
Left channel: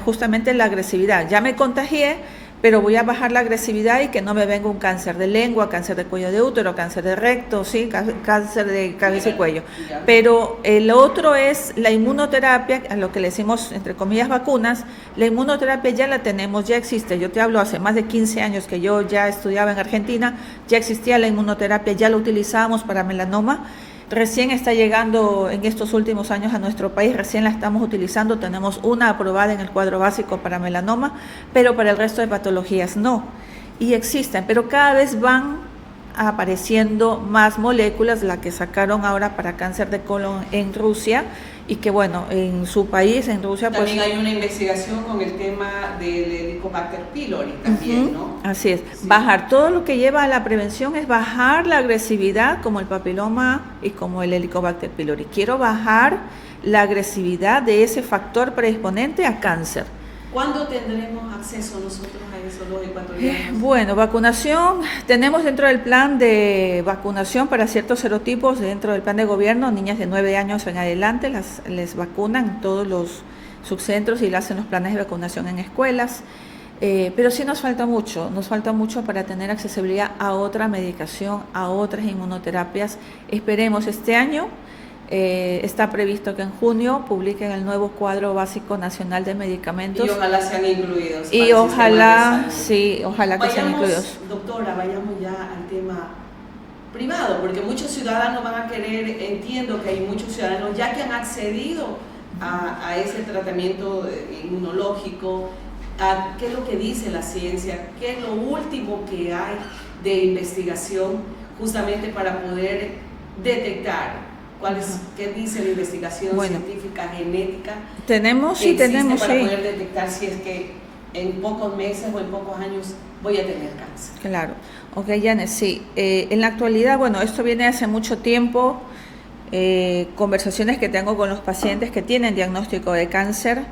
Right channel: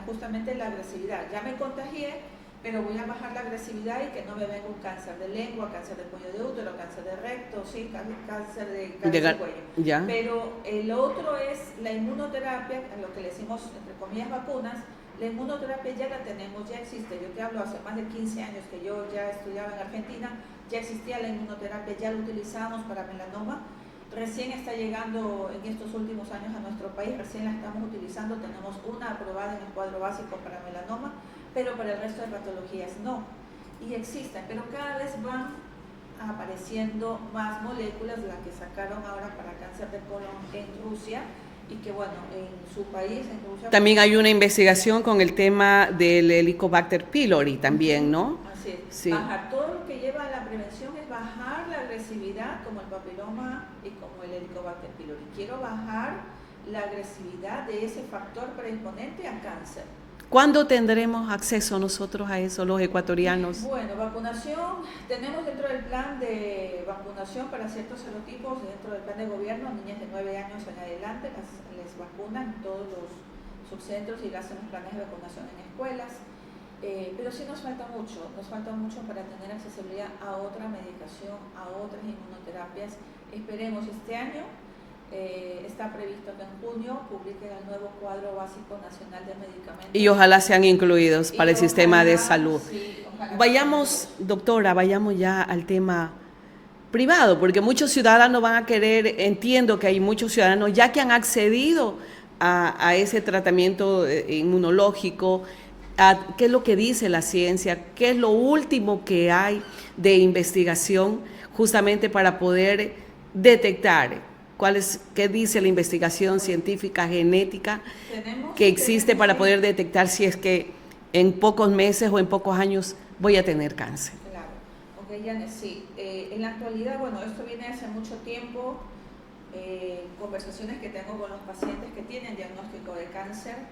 justamente la agresividad. Ya me contagié, pero voy a bajar la agresividad y que no me venga un cáncer de lengua, cáncer de cuello de útero, cáncer de recto, ¿sí? Cáncer de cabeza y cuello. Ya. Pero el otro es la inmunoterapia, a lo que le decimos, entre comillas, vacunas. La inmunoterapia ya la tenemos, ya existe. Yo te hablo hace más de 15 años que yo ya estudiaba en Argentina, ya existía la inmunoterapia, ya la utilizábamos para melanoma. Recién está llegando en estos últimos años a nuestro país, recién la estamos utilizando, tenemos una aprobada en el cuadro básico para melanoma, pero para el resto de patologías no. Y existen, pero cada vez van apareciendo más moléculas, la que sacaron ahora para cáncer de colon en Rusia, y que bueno, en su país, en Rusia... También pues, hay una investigación con el tema del Helicobacter pylori también, ¿no? Así es, Sí. bajar todo lo que lleva a la prevención es bajar la agresividad como el papiloma y como el Helicobacter pylori. Quiero bajar la agresividad de ese factor predisponente a cáncer. ¿Cuándo tendremos acceso nosotros a eso, los ecuatorianos? Bueno, vacunación, tenemos dentro del plan de vacunación para ciertos serotipos, dentro del plan de gobierno, niñas de 9 años en adelante les vacunan en todos los subcentros y le hacen los planes de vacunación en escuelas, pero sí nos falta mucho para tener accesibilidad a otra medicación, a otras inmunoterapias. Esperemos este año. Está previsto que en junio publiquen el nuevo cuadro básico nacional de medicamentos. Y ojalá sean incluidos para el sistema de salud. Sí, ojalá que sean incluidos. Doctora, vayamos ya al tema privado, porque muchos ciudadanos van a querer, entiendo que hay muchos ciudadanos ya que han accedido a ese tratamiento inmunológico. ¿Qué es lo que dice la ciencia? ¿Qué es lo último que hay de investigación justamente para poder detectar? ¿Qué dice la investigación científica, genética que existe para poder detectar si es que en pocos meses o en pocos años voy a tener cáncer? Claro, ok, Janet, sí. En la actualidad, bueno, esto viene hace mucho tiempo, conversaciones que tengo con los pacientes que tienen diagnóstico de cáncer.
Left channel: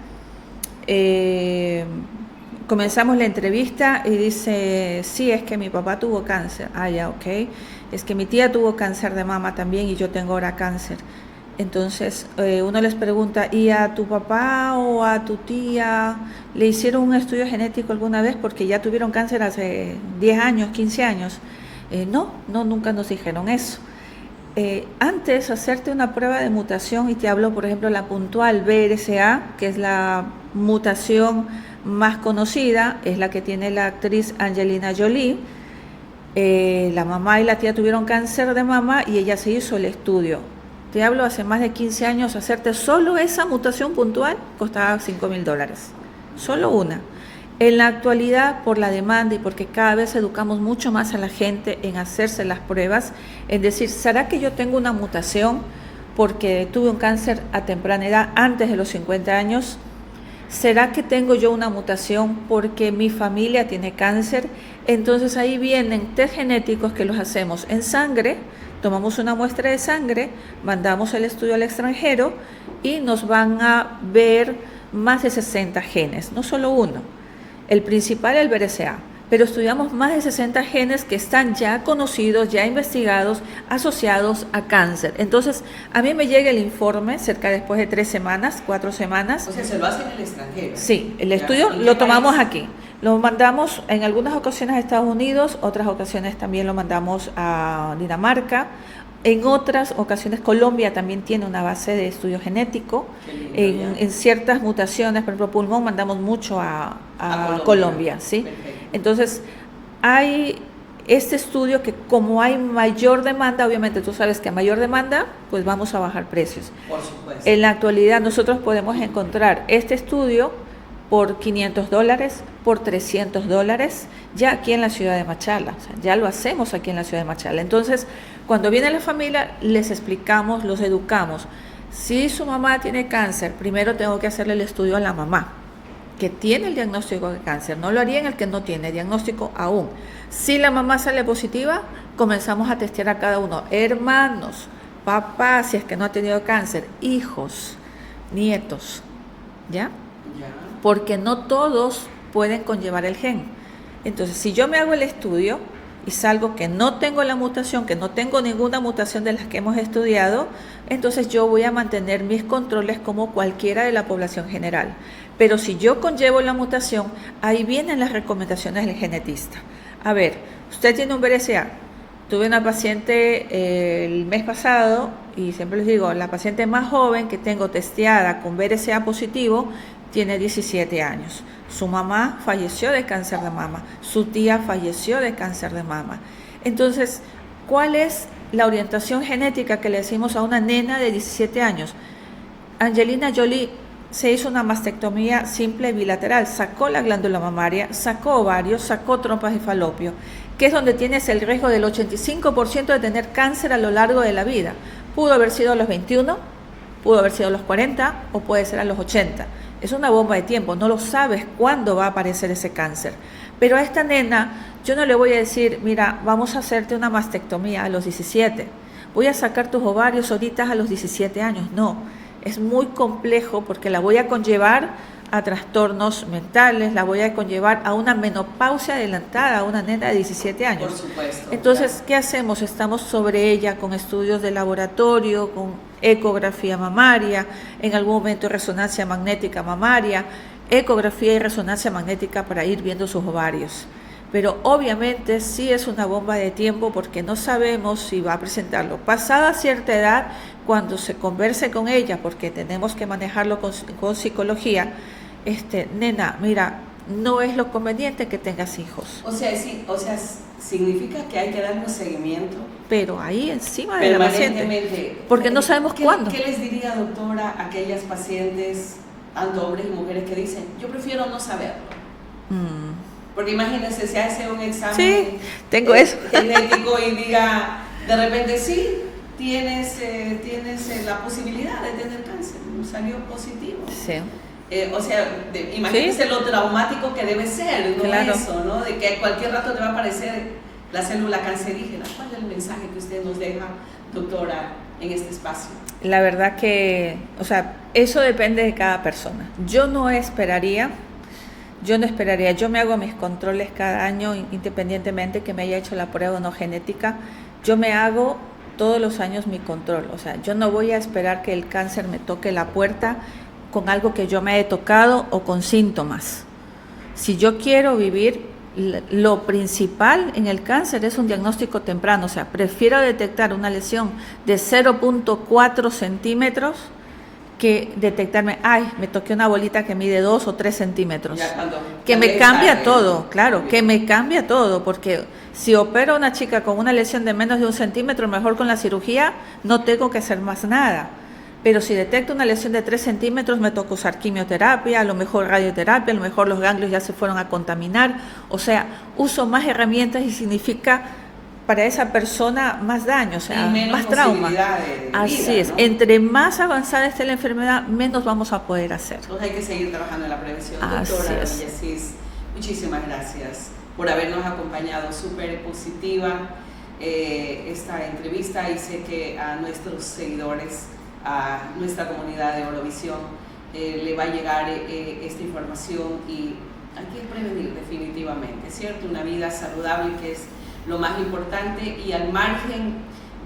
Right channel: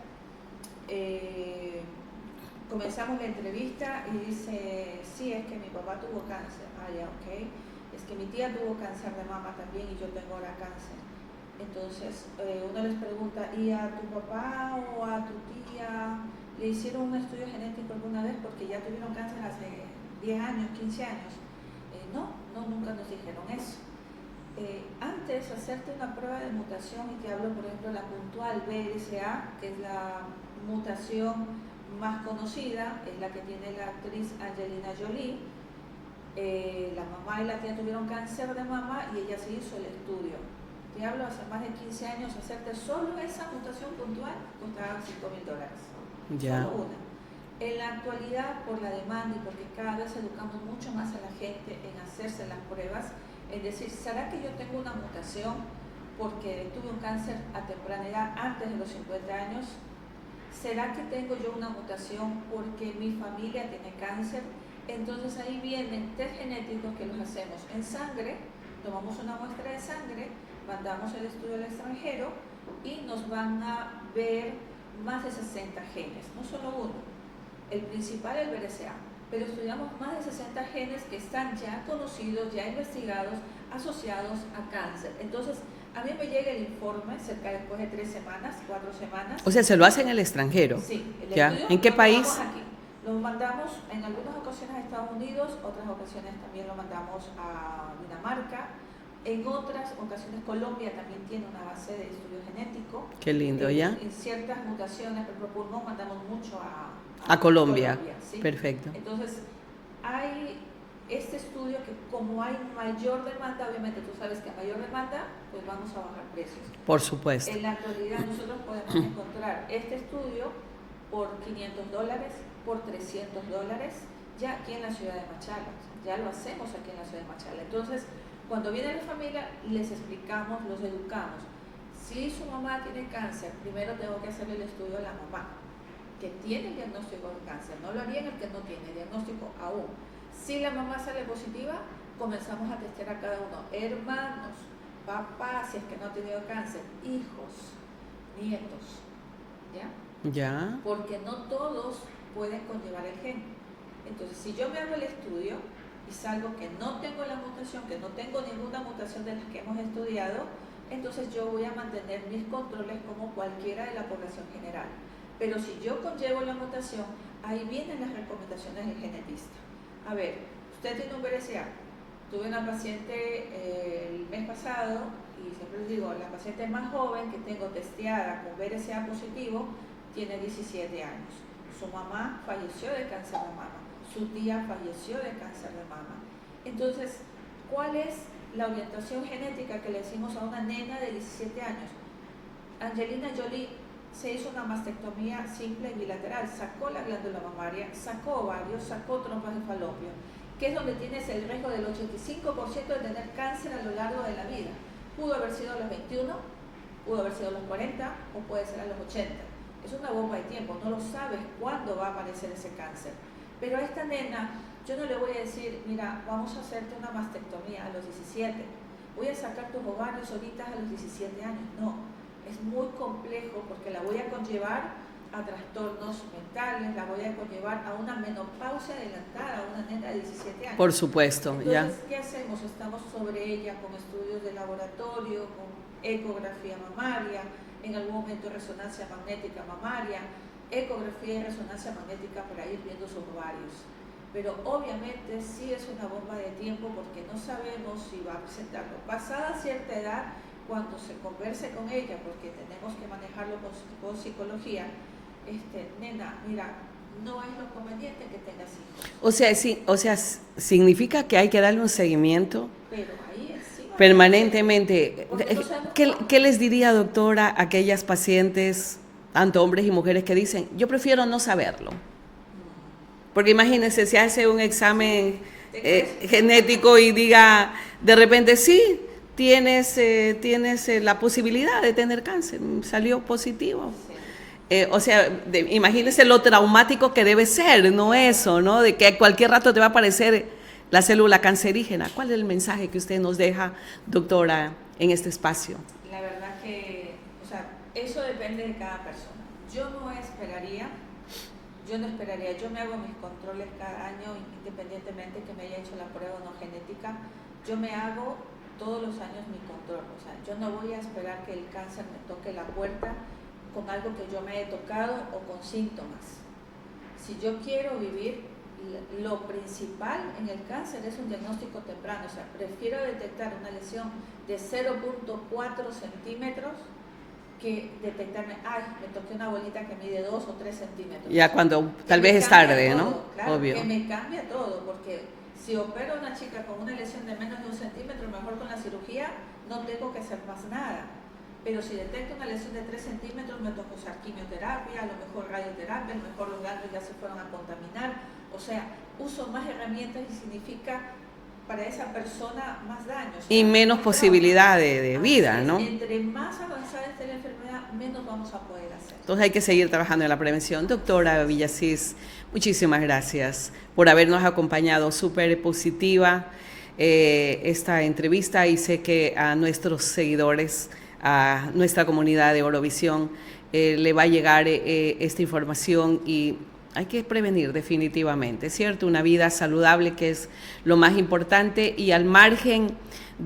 Comenzamos la entrevista y dice, sí, es que mi papá tuvo cáncer. Ah, ya, ok. Es que mi tía tuvo cáncer de mama también y yo tengo ahora cáncer. Entonces, uno les pregunta, ¿y a tu papá o a tu tía le hicieron un estudio genético alguna vez? Porque ya tuvieron cáncer hace 10 años, 15 años. No, nunca nos dijeron eso. Antes, hacerte una prueba de mutación, y te hablo, por ejemplo, la puntual BRCA, que es la mutación más conocida, es la que tiene la actriz Angelina Jolie. La mamá y la tía tuvieron cáncer de mama y ella se hizo el estudio. Te hablo hace más de 15 años, hacerte solo esa mutación puntual costaba $5,000. Solo una. En la actualidad, por la demanda y porque cada vez educamos mucho más a la gente en hacerse las pruebas, en decir, ¿será que yo tengo una mutación porque tuve un cáncer a temprana edad, antes de los 50 años? ¿Será que tengo yo una mutación porque mi familia tiene cáncer? Entonces ahí vienen test genéticos que los hacemos en sangre, tomamos una muestra de sangre, mandamos el estudio al extranjero y nos van a ver más de 60 genes, no solo uno. El principal es el BRCA, pero estudiamos más de 60 genes que están ya conocidos, ya investigados, asociados a cáncer. Entonces, a mí me llega el informe cerca después de 3 semanas, 4 semanas. O sea, se lo hacen en el extranjero. Sí, el estudio lo tomamos aquí. Lo mandamos en algunas ocasiones a Estados Unidos, otras ocasiones también lo mandamos a Dinamarca. En otras ocasiones Colombia también tiene una base de estudio genético. Qué lindo, en ciertas mutaciones, por ejemplo pulmón, mandamos mucho a Colombia, ¿sí? Perfecto. Entonces, hay este estudio que como hay mayor demanda, obviamente tú sabes que a mayor demanda, pues vamos a bajar precios. Por supuesto. En la actualidad nosotros podemos encontrar este estudio por $500, por $300, ya aquí en la ciudad de Machala. O sea, ya lo hacemos aquí en la ciudad de Machala. Entonces, cuando viene la familia, les explicamos, los educamos. Si su mamá tiene cáncer, primero tengo que hacerle el estudio a la mamá, que tiene el diagnóstico de cáncer. No lo haría en el que no tiene diagnóstico aún. Si la mamá sale positiva, comenzamos a testear a cada uno. Hermanos, papá, si es que no ha tenido cáncer, hijos, nietos, ¿ya? Ya. Porque no todos pueden conllevar el gen. Entonces, si yo me hago el estudio, y salgo que no tengo la mutación, que no tengo ninguna mutación de las que hemos estudiado, entonces yo voy a mantener mis controles como cualquiera de la población general. Pero si yo conllevo la mutación, ahí vienen las recomendaciones del genetista. A ver, usted tiene un BRCA. Tuve una paciente el mes pasado, y siempre les digo, la paciente más joven que tengo testeada con BRCA positivo tiene 17 años. Su mamá falleció de cáncer de mama, su tía falleció de cáncer de mama. Entonces, ¿cuál es la orientación genética que le decimos a una nena de 17 años? Angelina Jolie se hizo una mastectomía simple bilateral, sacó la glándula mamaria, sacó ovarios, sacó trompas de falopio, que es donde tienes el riesgo del 85% de tener cáncer a lo largo de la vida. Pudo haber sido a los 21, pudo haber sido a los 40 o puede ser a los 80. Es una bomba de tiempo, no lo sabes cuándo va a aparecer ese cáncer. Pero a esta nena yo no le voy a decir, mira, vamos a hacerte una mastectomía a los 17, voy a sacar tus ovarios ahorita a los 17 años. No, es muy complejo porque la voy a conllevar a trastornos mentales, la voy a conllevar a una menopausia adelantada, a una nena de 17 años. Por supuesto. Entonces, ya. ¿qué hacemos? Estamos sobre ella con estudios de laboratorio, con ecografía mamaria, en algún momento resonancia magnética mamaria, ecografía y resonancia magnética para ir viendo sus ovarios. Pero obviamente sí es una bomba de tiempo porque no sabemos si va a presentarlo. Pasada cierta edad, cuando se converse con ella, porque tenemos que manejarlo con psicología, nena, mira, no es lo conveniente que tengas hijos. O sea, sí, significa que hay que darle un seguimiento. Pero ahí encima permanentemente. Porque no sabemos cuándo. ¿Qué les diría, doctora, a aquellas pacientes, tanto hombres y mujeres, que dicen, yo prefiero no saberlo? Porque imagínense, si hace un examen genético y diga, de repente, sí, tienes la posibilidad de tener cáncer, salió positivo. Sí. Imagínense lo traumático que debe ser, ¿no? Claro. Eso, ¿no? De que a cualquier rato te va a aparecer la célula cancerígena. ¿Cuál es el mensaje que usted nos deja, doctora, en este espacio? La verdad que, eso depende de cada persona. Yo no esperaría, yo me hago mis controles cada año, independientemente que me haya hecho la prueba o no genética, yo me hago todos los años mi control. O sea, yo no voy a esperar que el cáncer me toque la puerta con algo que yo me he tocado o con síntomas. Si yo quiero vivir, lo principal en el cáncer es un diagnóstico temprano. O sea, prefiero detectar una lesión de 0.4 centímetros que detectarme, me toqué una bolita que mide 2 o 3 centímetros. Ya cuando que me cambia tarde, todo, ¿no? Claro, Obvio. que me cambia todo, porque si opero a una chica con una lesión de menos de 1 centímetro, mejor con la cirugía no tengo que hacer más nada. Pero si detecto una lesión de 3 centímetros, me toca usar quimioterapia, a lo mejor radioterapia, a lo mejor los ganglios ya se fueron a contaminar. O sea, uso más herramientas y significa para esa persona más daño, y menos más posibilidad de vida. Así es, ¿no? Entre más avanzada esté la enfermedad, menos vamos a poder hacer. Entonces hay que seguir trabajando en la prevención. Así Doctora es. Villasís, muchísimas gracias por habernos acompañado. Súper positiva esta entrevista, y sé que a nuestros seguidores, a nuestra comunidad de Orovisión, le va a llegar esta información, y hay que prevenir definitivamente, ¿cierto? Una vida saludable, que es lo más importante, y al margen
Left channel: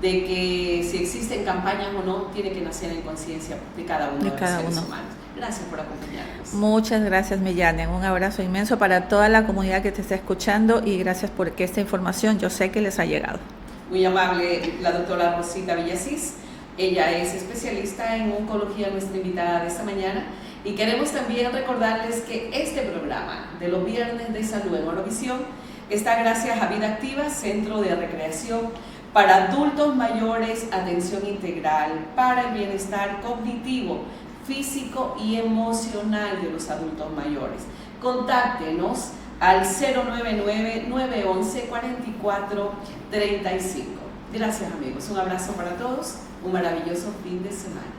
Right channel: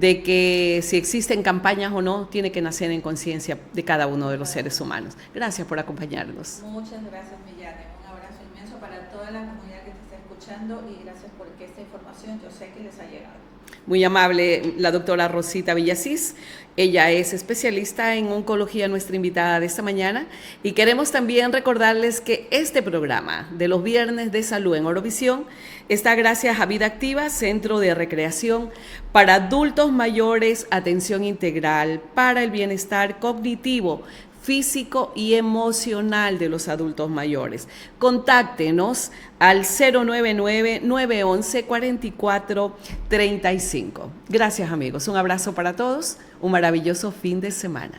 de que si existen campañas o no, tiene que nacer en conciencia de cada uno de los seres humanos. Gracias por acompañarnos. Muchas gracias, Millane. Un abrazo inmenso para toda la comunidad que te está escuchando, y gracias porque esta información yo sé que les ha llegado. Muy amable la doctora Rosita Villasís. Ella es especialista en oncología, nuestra invitada de esta mañana, y queremos también recordarles que este programa de los viernes de salud en Orovisión está gracias a Vida Activa, Centro de Recreación para adultos mayores, atención integral para el bienestar cognitivo, físico y emocional de los adultos mayores. Contáctenos al 099-911-4435. Gracias, amigos. Un abrazo para todos. Un maravilloso fin de semana.